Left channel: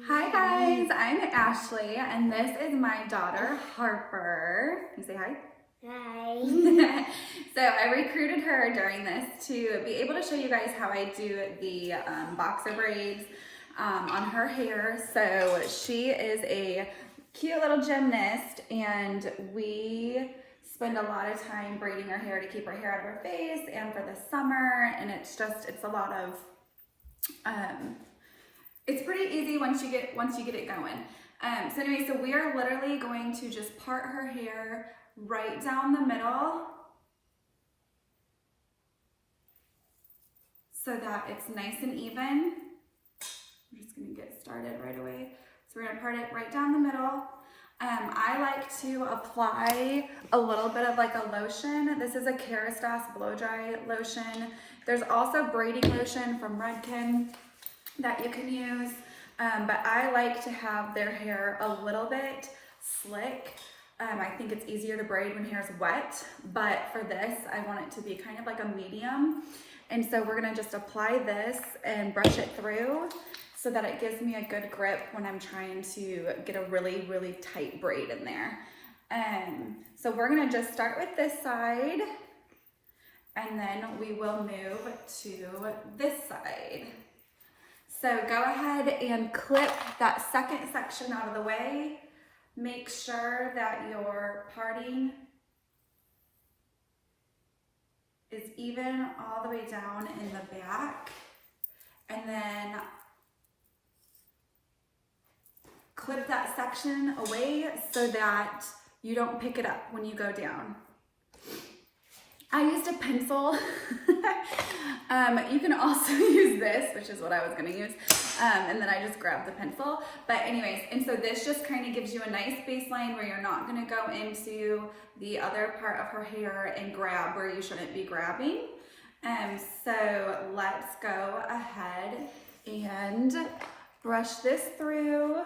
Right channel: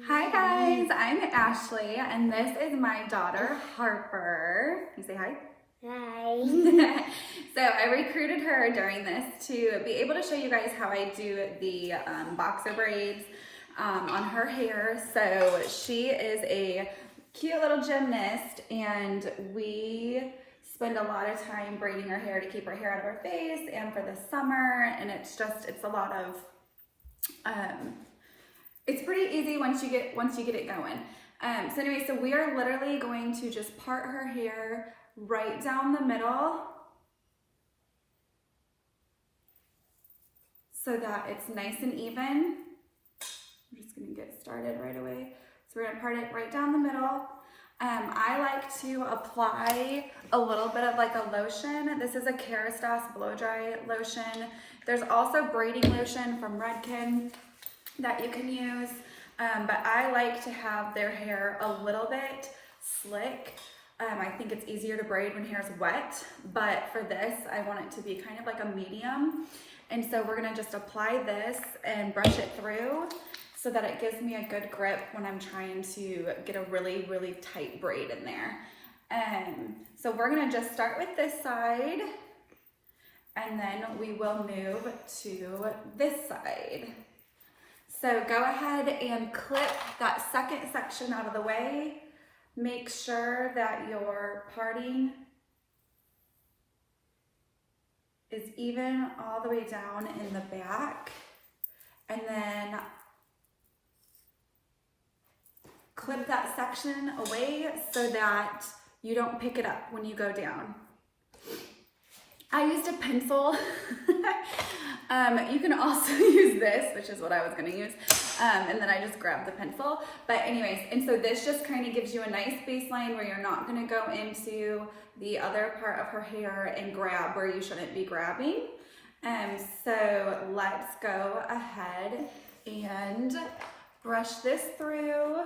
Hi guys, I'm Ashley and this is my daughter Harper. Can you say hi? Hi. So I recruited her during this to be able to show you guys how I do the boxer braids on her hair. So she is a cute little gymnast and we spend a lot of time braiding her hair to keep her hair out of her face and for the summer, and it's a lot of it's pretty easy once you get it going. So anyway, so we are literally going to just part her hair right down the middle so that it's nice and even. I'm just gonna get started right away. So we're gonna part it right down the middle. I like to apply a little bit of like a lotion. This is a Kerastase blow dry lotion. There's also braiding lotion from Redken that you can use, but I like to have their hair a little bit slick. I think it's easier to braid when hair's wet, but for this, I want it to be kind of like a medium. And so we're gonna just apply this and brush it through so that it gives me a good grip when I'm trying to get a really, really tight braid in there. So we're gonna just start with this side and then we will move to this side. So go ahead and clip that second section out of the way. Make sure that your parting is even all the way down in the back. And then clip that section away so that you don't pick it up when you go down. I used a pencil. You can also use this, which is what I was gonna use. And then I just grabbed the pencil. But anyways, and so this just kind of gives you a nice baseline where you're not gonna go into the other part of her hair and grab where you shouldn't be grabbing. So let's go ahead and brush this through.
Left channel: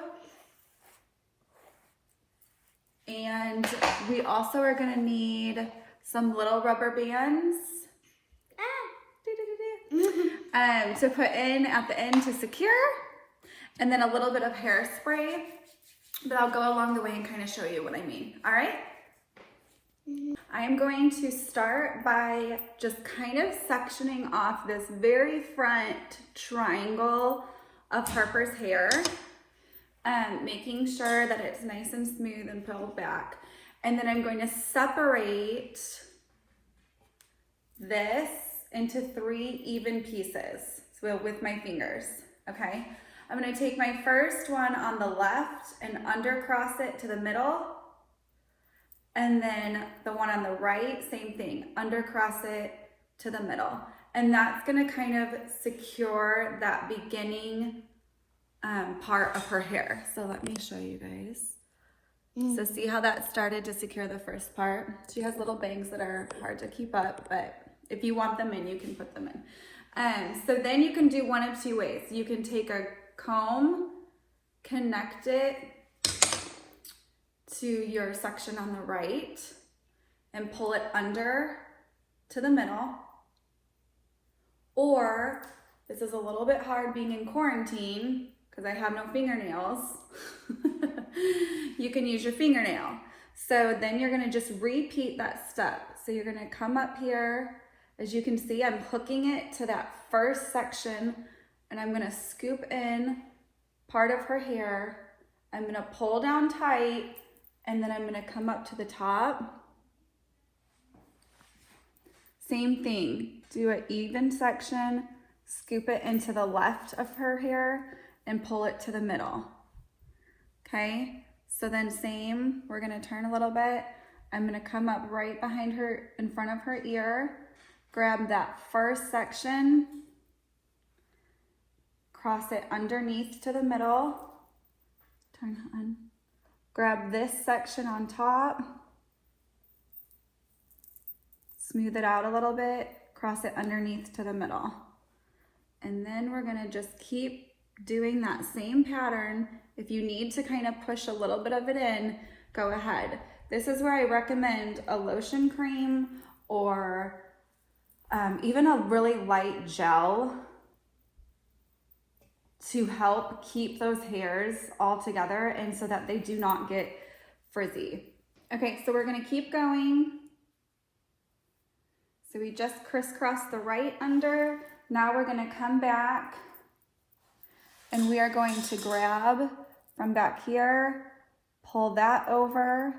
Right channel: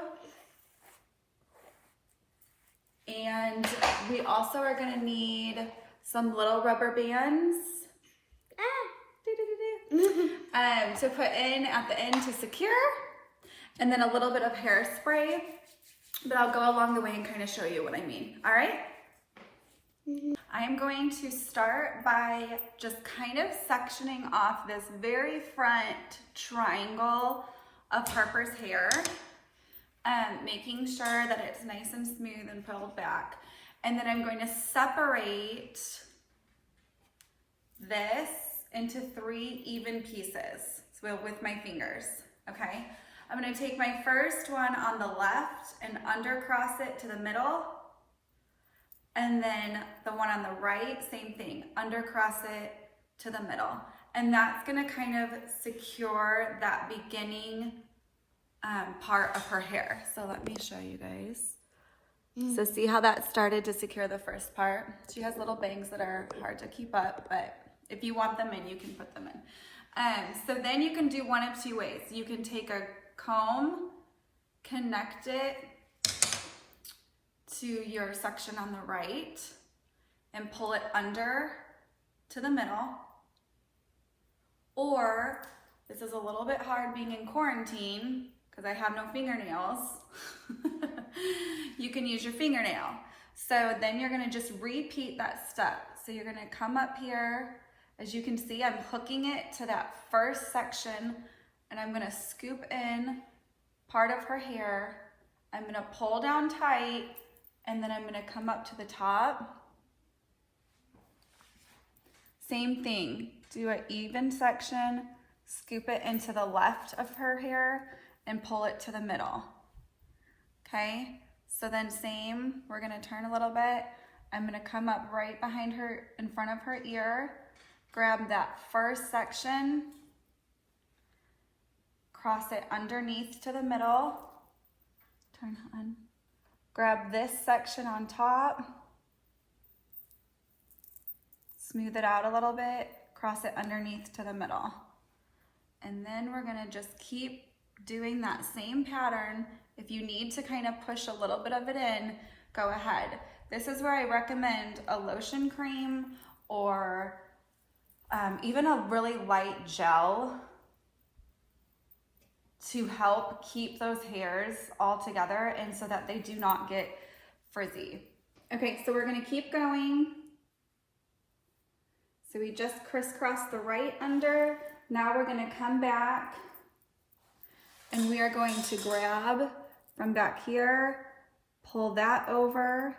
And we also are gonna need some little rubber bands to put in at the end to secure, and then a little bit of hairspray, but I'll go along the way and kind of show you what I mean. All right? I am going to start by just kind of sectioning off this very front triangle of Harper's hair, making sure that it's nice and smooth and pulled back. And then I'm going to separate this into 3 even pieces, so with my fingers, okay? I'm gonna take my first one on the left and undercross it to the middle, and then the one on the right, same thing, undercross it to the middle. And that's gonna kind of secure that beginning part of her hair. So let me show you guys. So see how that started to secure the first part? She has little bangs that are hard to keep up, but if you want them in, you can put them in. So then you can do one of 2 ways. You can take a comb, connect it to your section on the right, and pull it under to the middle. Or, this is a little bit hard being in quarantine, because I have no fingernails, you can use your fingernail. So then you're gonna just repeat that step. So you're gonna come up here. As you can see, I'm hooking it to that first section, and I'm gonna scoop in part of her hair. I'm gonna pull down tight, and then I'm gonna come up to the top. Same thing, do an even section, scoop it into the left of her hair, and pull it to the middle. Okay, so then same, we're gonna turn a little bit. I'm gonna come up right behind her, in front of her ear, grab that first section, cross it underneath to the middle, turn on, grab this section on top, smooth it out a little bit, cross it underneath to the middle. And then we're gonna just keep doing that same pattern. If you need to kind of push a little bit of it in, go ahead. This is where I recommend a lotion cream or even a really light gel to help keep those hairs all together and so that they do not get frizzy. Okay, so we're gonna keep going. So we just crisscrossed the right under. Now we're gonna come back and we are going to grab from back here, pull that over,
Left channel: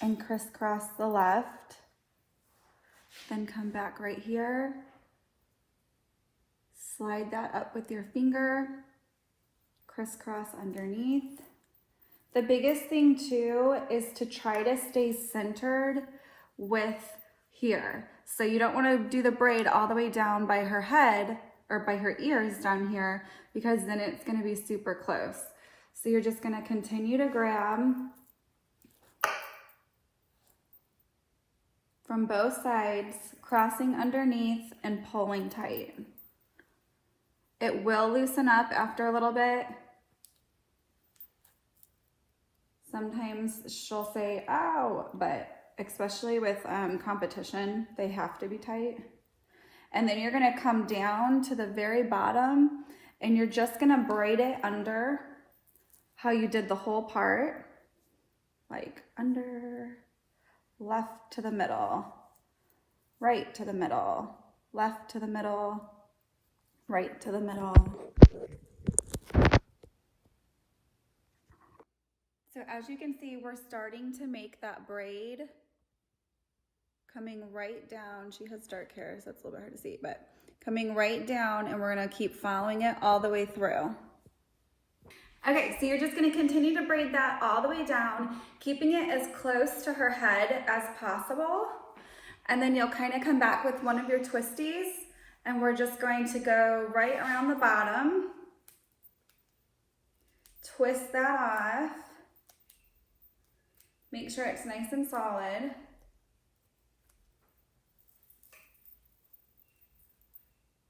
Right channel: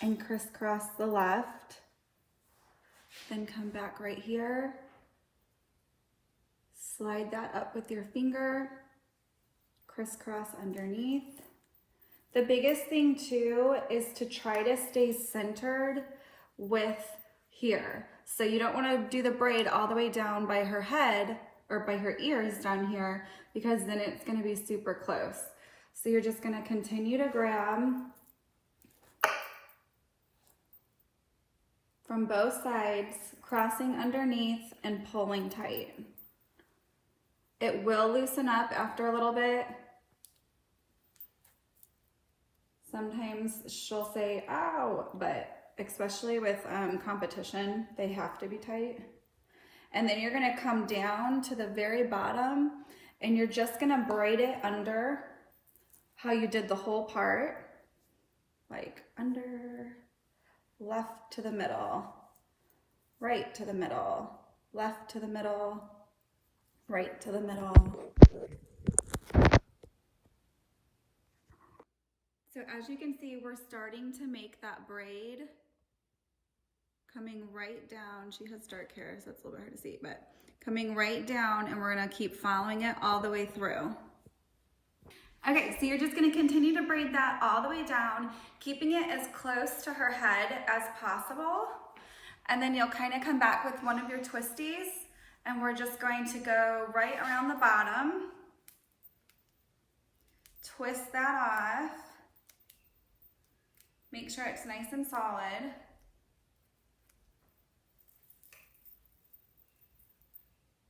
and crisscross the left. Then come back right here, slide that up with your finger, crisscross underneath. The biggest thing too is to try to stay centered with here. So you don't want to do the braid all the way down by her head or by her ears down here, because then it's going to be super close. So you're just going to continue to grab from both sides, crossing underneath and pulling tight. It will loosen up after a little bit. Sometimes she'll say, ow, but especially with competition, they have to be tight. And then you're gonna come down to the very bottom and you're just gonna braid it under how you did the whole part, like under, left to the middle, right to the middle, left to the middle, right to the middle. So as you can see, we're starting to make that braid coming right down. She has dark hair, so it's a little bit hard to see, but coming right down, and we're gonna keep following it all the way through. Okay, so you're just gonna continue to braid that all the way down, keeping it as close to her head as possible. And then you'll kind of come back with one of your twisties, and we're just going to go right around the bottom, twist that off, make sure it's nice and solid.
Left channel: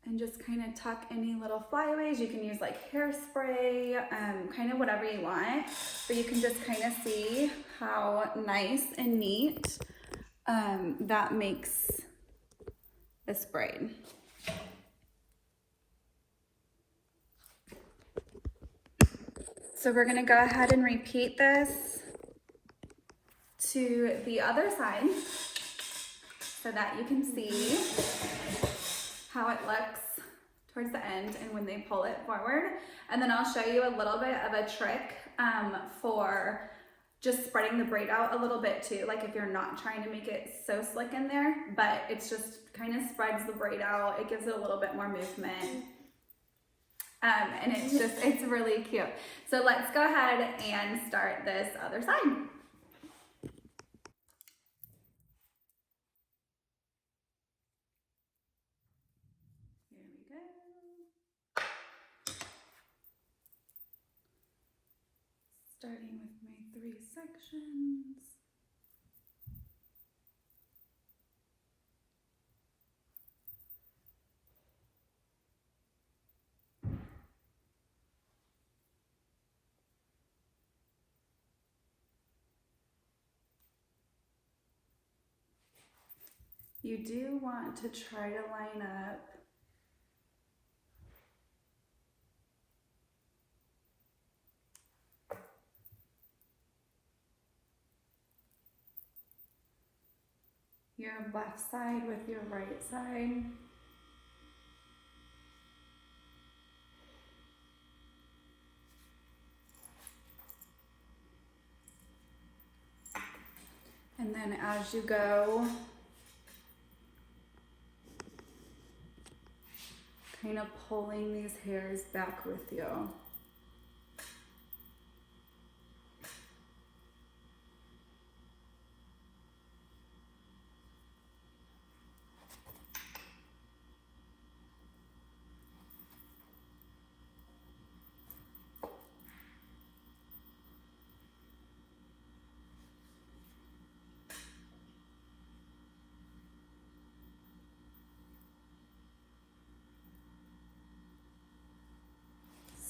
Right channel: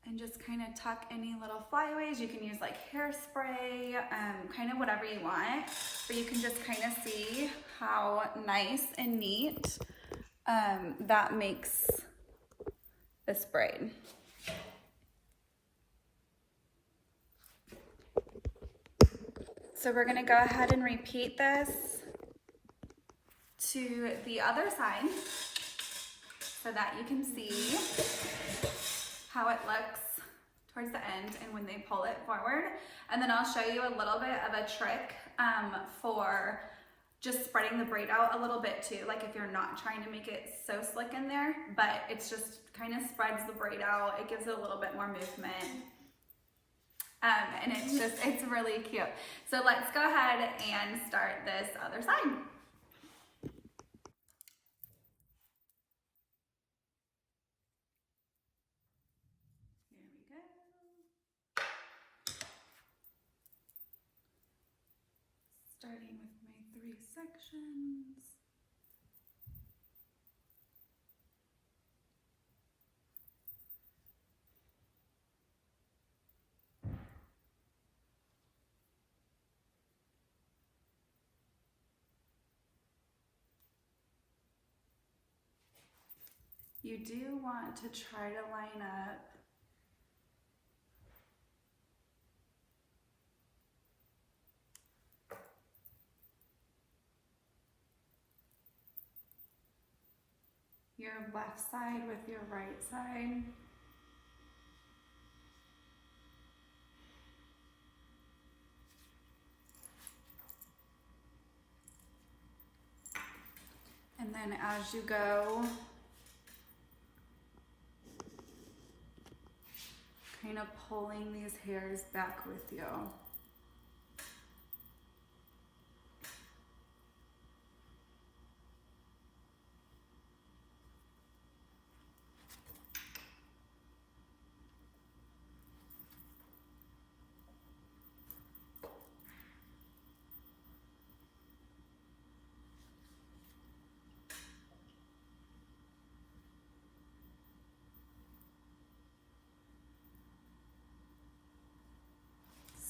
And just kind of tuck any little flyaways. You can use like hairspray, kind of whatever you want, but you can just kind of see how nice and neat that makes this braid. So we're gonna go ahead and repeat this to the other side so that you can see how it looks towards the end and when they pull it forward. And then I'll show you a little bit of a trick for just spreading the braid out a little bit too, like if you're not trying to make it so slick in there, but it's just kind of spreads the braid out. It gives it a little bit more movement. And it's really cute. So let's go ahead and start this other side. Here we go. Starting with my 3 sections. You do want to try to line up your left side with your right side. And then as you go, kind of pulling these hairs back with you.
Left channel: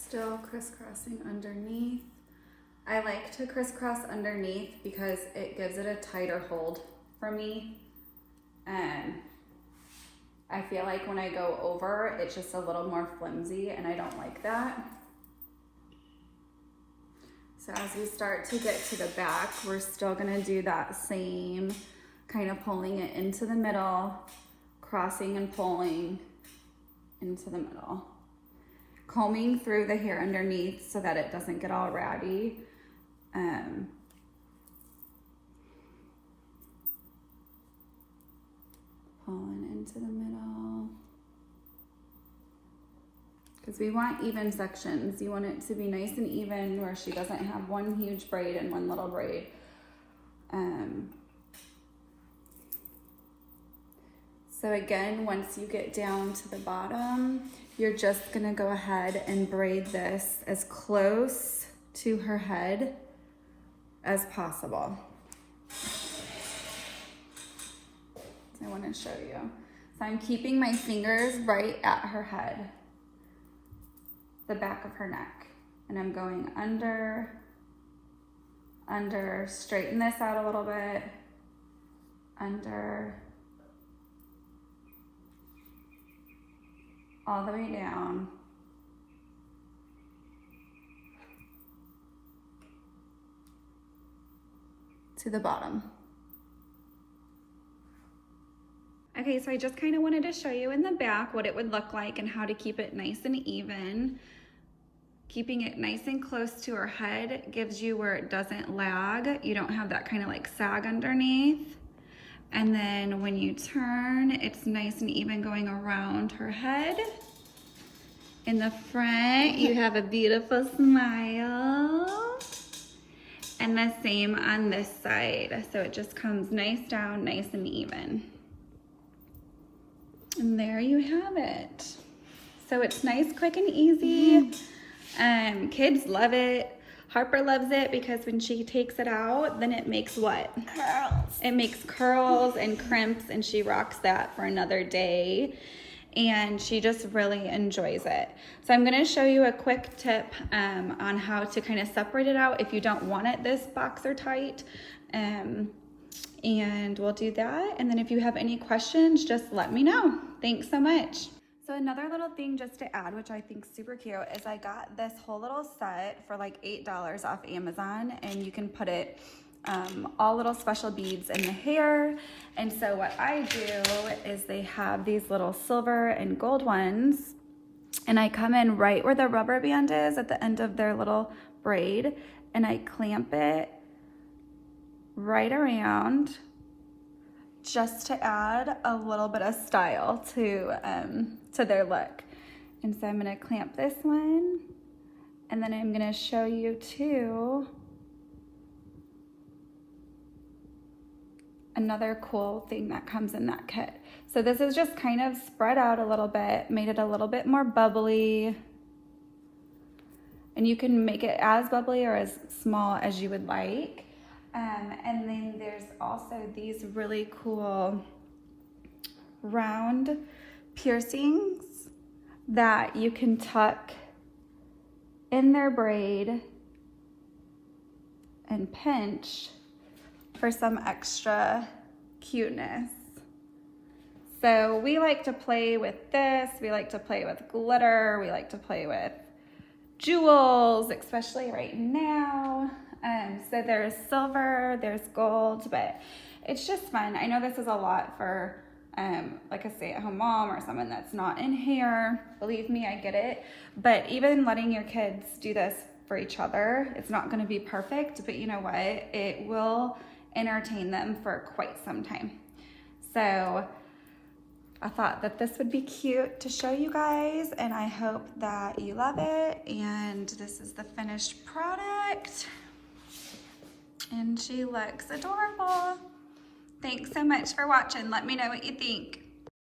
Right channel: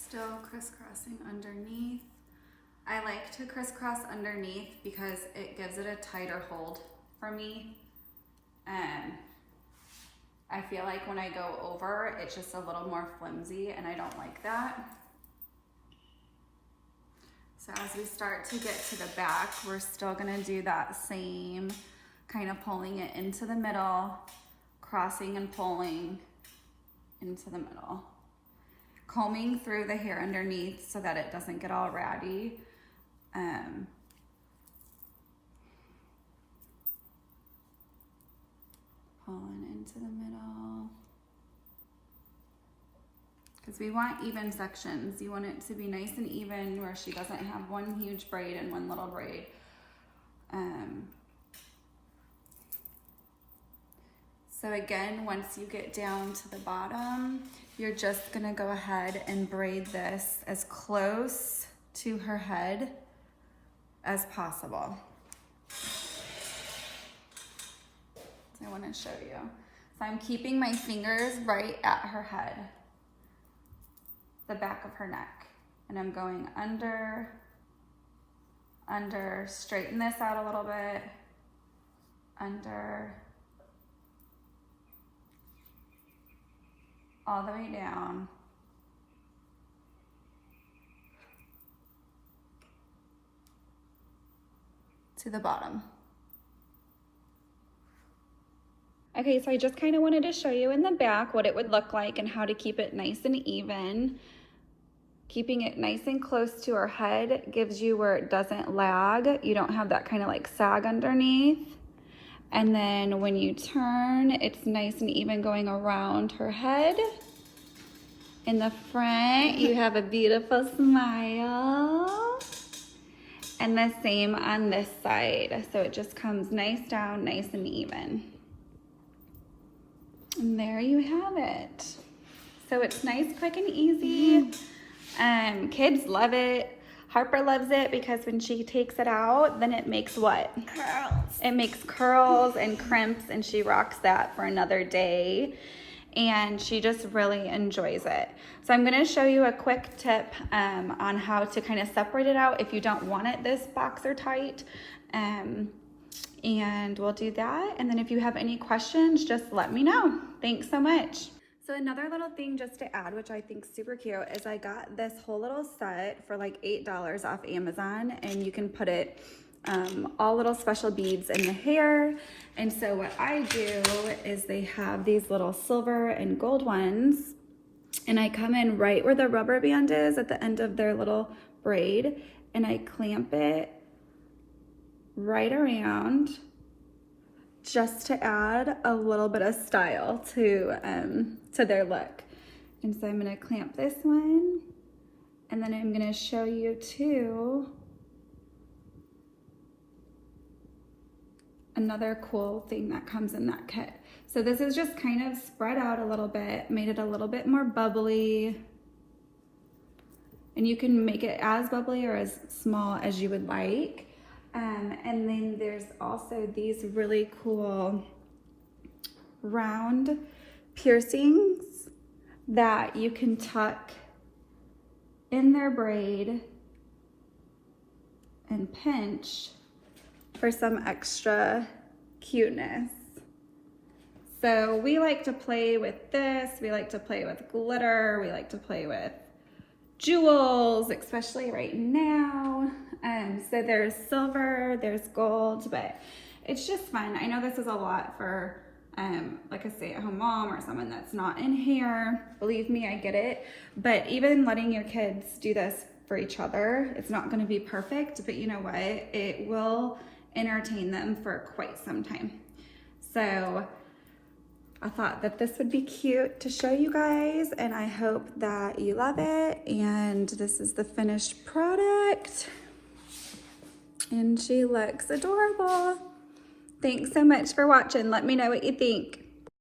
Still crisscrossing underneath. I like to crisscross underneath because it gives it a tighter hold for me. I feel like when I go over, it's just a little more flimsy and I don't like that. So as we start to get to the back, we're still gonna do that same kind of pulling it into the middle, crossing and pulling into the middle. Combing through the hair underneath so that it doesn't get all ratty. Pulling into the middle. Because we want even sections. You want it to be nice and even where she doesn't have one huge braid and one little braid. So again, once you get down to the bottom, you're just gonna go ahead and braid this as close to her head as possible. So I wanna show you. So I'm keeping my fingers right at her head, the back of her neck. And I'm going under, straighten this out a little bit, under, all the way down. To the bottom. Okay, so I just kind of wanted to show you in the back what it would look like and how to keep it nice and even. Keeping it nice and close to her head gives you where it doesn't lag. You don't have that kind of like sag underneath. And then when you turn, it's nice and even going around her head. In the front, you have a beautiful smile. And the same on this side. So it just comes nice down, nice and even. And there you have it. So it's nice, quick, and easy. Kids love it. Harper loves it because when she takes it out, then it makes what? Curls. It makes curls and crimps, and she rocks that for another day. And she just really enjoys it. So I'm gonna show you a quick tip on how to kind of separate it out if you don't want it this boxer tight. And we'll do that. And then if you have any questions, just let me know. Thanks so much. So another little thing just to add, which I think is super cute, is I got this whole little set for like $8 off Amazon, and you can put it all little special beads in the hair. And so what I do is they have these little silver and gold ones, and I come in right where the rubber band is at the end of their little braid, and I clamp it right around just to add a little bit of style to their look. And so I'm gonna clamp this one, and then I'm gonna show you too another cool thing that comes in that kit. So this is just kind of spread out a little bit, made it a little bit more bubbly. And you can make it as bubbly or as small as you would like. And then there's also these really cool round piercings that you can tuck in their braid and pinch for some extra cuteness. So we like to play with this. We like to play with glitter. We like to play with jewels, especially right now. So there's silver, there's gold, but it's just fun. I know this is a lot for like a stay-at-home mom or someone that's not in hair. Believe me, I get it. But even letting your kids do this for each other, it's not gonna be perfect, but you know what? It will entertain them for quite some time. So I thought that this would be cute to show you guys, and I hope that you love it. And this is the finished product. And she looks adorable. Thanks so much for watching. Let me know what you think.